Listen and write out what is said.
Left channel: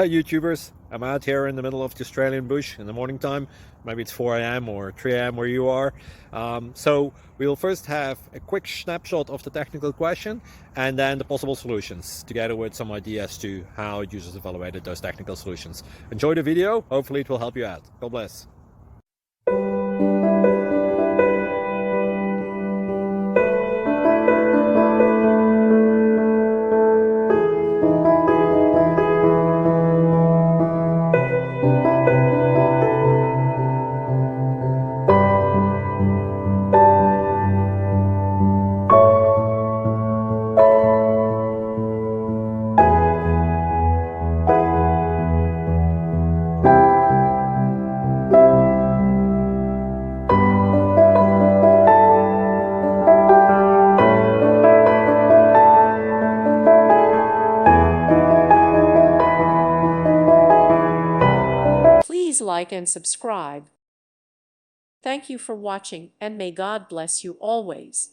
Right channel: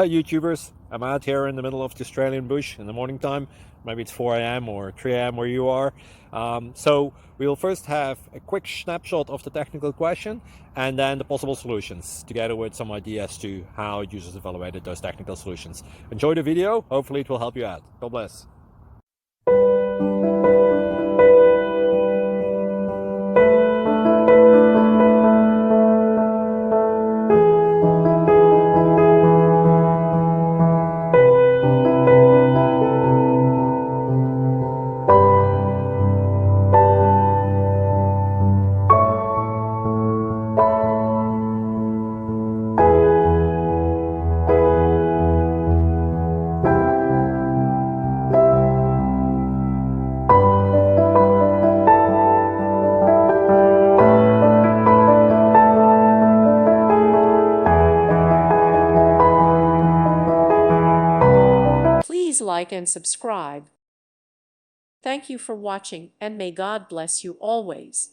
Hi YouTubers, I'm out here in the middle of the Australian bush in the morning time. Maybe it's 4 a.m. or 3 a.m. where you are. So we'll first have a quick snapshot of the technical question and then the possible solutions, together with some ideas to how users evaluated those technical solutions. Enjoy the video, hopefully it will help you out. God bless. Please like and subscribe. Thank you for watching, and may God bless you always.